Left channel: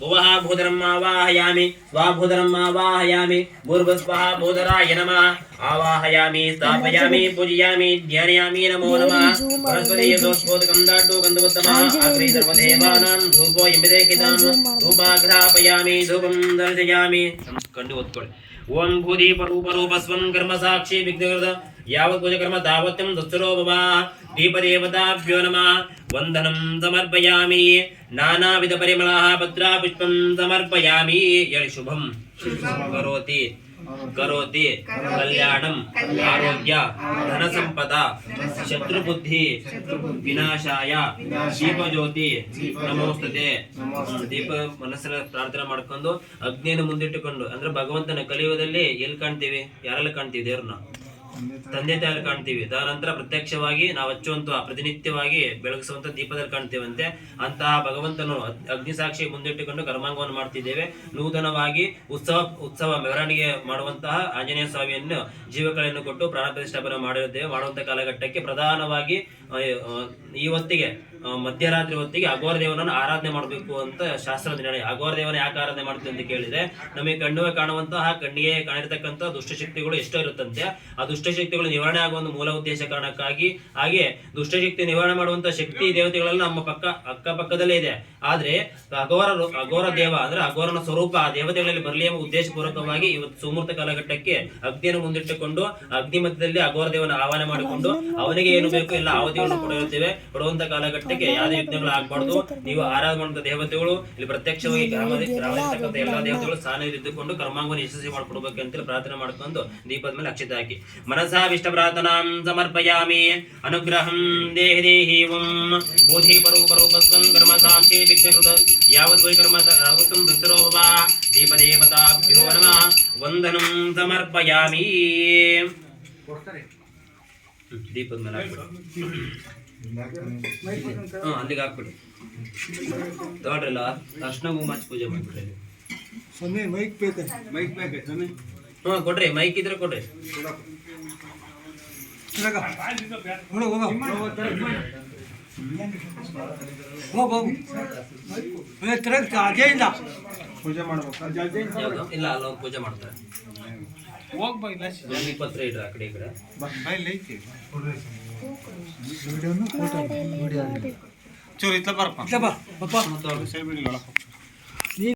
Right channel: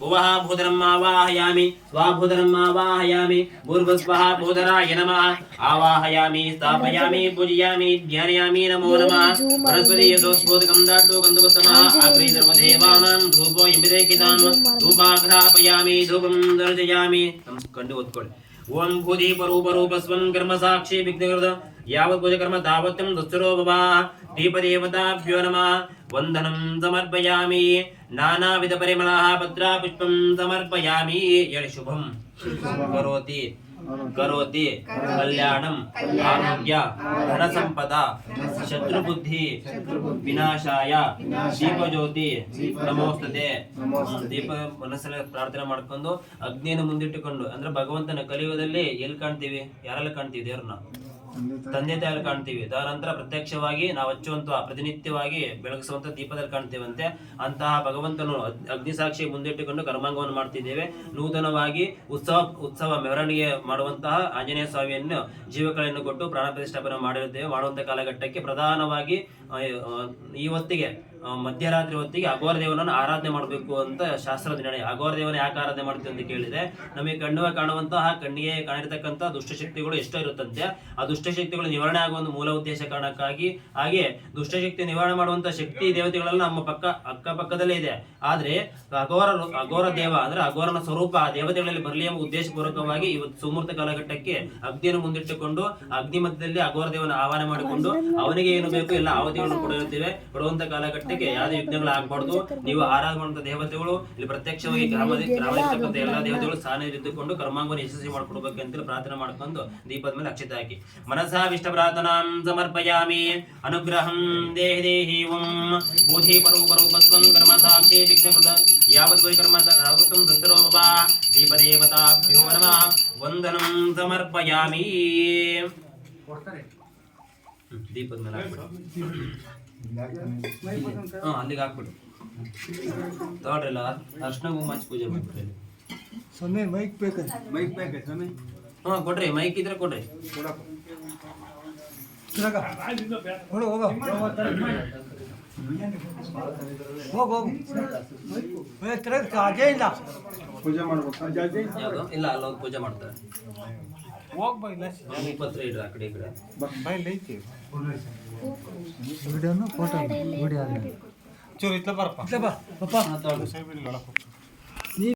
भुवः भूधरम् आवाहयामि स्वाभूधरम् आवाहयामि भूर्भुवस्वः भूधराय नमः आवाहयामि स्थापयामि पूजयामि ध्यायामि नमो नमः बृहस्पति यदोस्फोटकं दाड्डो गन्धवत्तमः अग्रे सर्वदेवानां धूपो यमिदेहितां धूपाघ्रापयामि धूपं दर्शयामि कंडु ओत्ಕೊಳ್ಳಿ ओम भूति परूपरूपस्वं कर्म साक्षी विघ्नकृत यावत् पूजकर्म तावत्यं दुस्तरो भव दीपदेवताभ्यो नमः वन्दनं समर्पयामि नानाविध परिमलः पत्रा पुष्पं समर्पयामि यदि शुभं करोति करोति कल्याणं आरोग्य धन संपदा शत्रुबुद्धि विनाशाय दीपज्योति नमोस्तुते ದೀಪ ಮನಸ್ಸಲ್ಲಿ ಪ್ರಾರ್ಥನೆ ಮಾಡ್ಕೊಂಡು ಅಗ್ನಿಯನ್ನು ಮುಂದಿಟ್ಟುಕೊಂಡು ಅಂದ್ರೆ ಭಗವಂತನ ಕಲಿಯುಗದಲ್ಲಿ ಎಲ್ಲಿ ಕಾಣ್ತೀವಿ ಯಾರೆಲ್ಲ ಕಾಣ್ತೀವಿ ದೇವ್ರನ್ನ ತಂದೆ ತಾಯಲ್ಲಿ ಕಾಣ್ತೀವಿ ತದನಂತರ ಪ್ರತ್ಯಕ್ಷವಾಗಿ ನಾವು ಹಚ್ಚುವಂತ ಪ್ರತಿನಿತ್ಯವಾಗಿ ಬೆಳಗಿಸುವಂತ ದೀಪದಲ್ಲಿ ಕಾಣ್ತೀವಂತೆ ಅಂತಹ ಭಗವಂತನು ಅಗ್ನಿಸಾಕ್ಷಿ ಮುಂದಿಟ್ಟುಕೊಂಡು ಕರ್ಮಾಂಗವನ್ನು ಮಾಡ್ತಿದ್ದೇವೆ ನೂತನವಾಗಿ ಉತ್ಸವ ಮೆರವಣಿಗೆ ಮಾಡುವಂತಹ ಆಂಜನೇಯ ಸ್ವಾಮಿಯನ್ನು ಜೀವಕಳೆಯನ್ನು ಕೊಟ್ಟು ಪ್ರಾಣ ಪ್ರತಿಷ್ಠಾಪನೆ ಮಾಡಿರುತ್ತೇವೆ ಮಾಡುವಂತ ಕಾಲಘಟ್ಟಕ್ಕೆ ಪ್ರಧಾನವಾಗಿ ಈ ಹೊತ್ತಿಗೆ ಮಧ್ಯರಾತ್ರಿ ಹೊತ್ತಿಗೆ ಅಘೋರ ದೇವನನ್ನು ಆರಾಧನೆ ಮಾಡಬೇಕು ಅಂತ ಶಾಸ್ತ್ರದ ನಿರ್ಣಯ ಅಘೋರ ದೇವನ ಯಾಕೆ ಆರಾಧನೆ ಮಾಡ್ತೀವಿ ಅಂತ ಕೇಳಿದ್ರೆ ನಮಗೆ ಕಾಣುವಂತಹ ಕಣ್ಣಿಗೆ ಕಾಣಿರ್ತಕ್ಕಂಥ ದುಷ್ಟಶಕ್ತಿಗಳು ಎಷ್ಟೋ ಇರುತ್ತಂತೆ ಆ ದುಷ್ಟಶಕ್ತಿಗಳು ನಿವಾರಣೆ ಆಗುವ ಒಂದು ಮೂಲ ಉದ್ದೇಶ ಕಾರಣಕ್ಕಾಗಿ ಹಾಗೆ ದುಷ್ಟಶಕ್ತಿ ನಿವಾರಣೆ ಮಾಡುವಂತಹ ಶಕ್ತಿ ದೇವತೆಗಳೆಲ್ಲ ನಮ್ಮ ಅಕ್ಕಪಕ್ಕದಲ್ಲೇ ಇದೆ ಆದ್ರೆ ಅಘೋರ ದೇವ ಅಂದ್ರೆ ಅಘೋರನ ಸ್ವರೂಪ ಆ ದೇವತೆಗಳಲ್ಲಿ ಬರಲಿ ಎಂಬ ಉದ್ದೇಶಪೂರ್ವಕವಾಗಿ ಇವತ್ತು ಸುಮೂರ್ತ ಕಾಲಘಟ್ಟಕ್ಕೆ ಅಗ್ನಿಯನ್ನು ಮುಂದಿಟ್ಟುಕೊಂಡು ಅಗ್ನಿ ಮಧ್ಯದಲ್ಲಿ ಅಘೋರ ದೇವನ ಆಹ್ವಾನ ಮಾಡಿಕೊಂಡು ಅವನಿಗೆ ಏನು ಬೇಕು ಎಲ್ಲ ಆವತಿಗಳನ್ನು ಕೊಡುವಂತ ಕಾಲಘಟ್ಟಕ್ಕೆ ಯಾವುದೇ ವಿಘ್ನಗಳು ಆಗಬಾರ್ದು ನೀವು ಆರಾಧನೆ ಮಾಡುವಂತ ದೇವತೆಗಳು ಇಲ್ಲಿ ಪ್ರತ್ಯಕ್ಷವಾಗಿ ಗ್ರಾಮದಲ್ಲಿರ್ತಕ್ಕಂಥ ಎಲ್ಲಾ ದೇವತೆಗಳು ಸ್ಥಾನದಲ್ಲಿದ್ದುಕೊಂಡು ಕರ್ಮಾಂಗವನ್ನು ಯಶಸ್ವಿ ಮಾಡಿಕೊಡ್ಬೇಕು ಅಂತೇಳಿ ಪ್ರಾರ್ಥನೆ ಮಾಡ್ಕೊಂಡು ದೀಪದ ಮೇಲೆ ಅಕ್ಷತೆ ಹಾಕಿ ಮನಸಾ ವಿಷ್ಟ ಪ್ರಾರ್ಥನಾಂ ಸಮರ್ಪಯಾಮಿ ಅನುಗ್ರಹಂ ದೇಹಿ ದೇಹಿ ಓಂ ಬೋಧಿ ಪರೂಪಸ್ವಂ ಕರ್ಮ ಸಾಕ್ಷಿ ವಿಘ್ನಕೃತ ಯಾವತ್ ವೈ ಕರ್ಮ ಯಾವತ್ತಂ ದತ್ತರೋ ಭವ ದೀಪದೇವತಾಭ್ಯೋ ನಮಃ ವಂದನಂ ಸಮರ್ಪಯಾಮಿ ದೀಪದ ಮೇಲೆ ಅಲ್ಲಿಗೆ ಹಾಕ್ಬಿಡಿ ತಗೊಳ್ರಲ್ಲ ಅರ್ಶನ ಕುಂಕುಮ ಹಚ್ಚಿ ಪೂಜೆ ಮಾಡ್ಬಿಡ್ರಿ ಕೊಡ್ರಿ ಮೈಕ್ ಇದ್ರೆ ಕೊಡ್ರಿ ಪೂಜೆ ಮಾಡ್ಬೇಕು ಇಲ್ಲ ಅಲ್ಲೊಂದು ಪೂಜೆ ಮಾಡ್ತಾರೆ ಪತ್ರ ಇಡ್ರಿ ಆ ಕಡೆ ಈ ಕಡೆ ಚೂರು ಇತ್ತ ಬರಪ್ಪ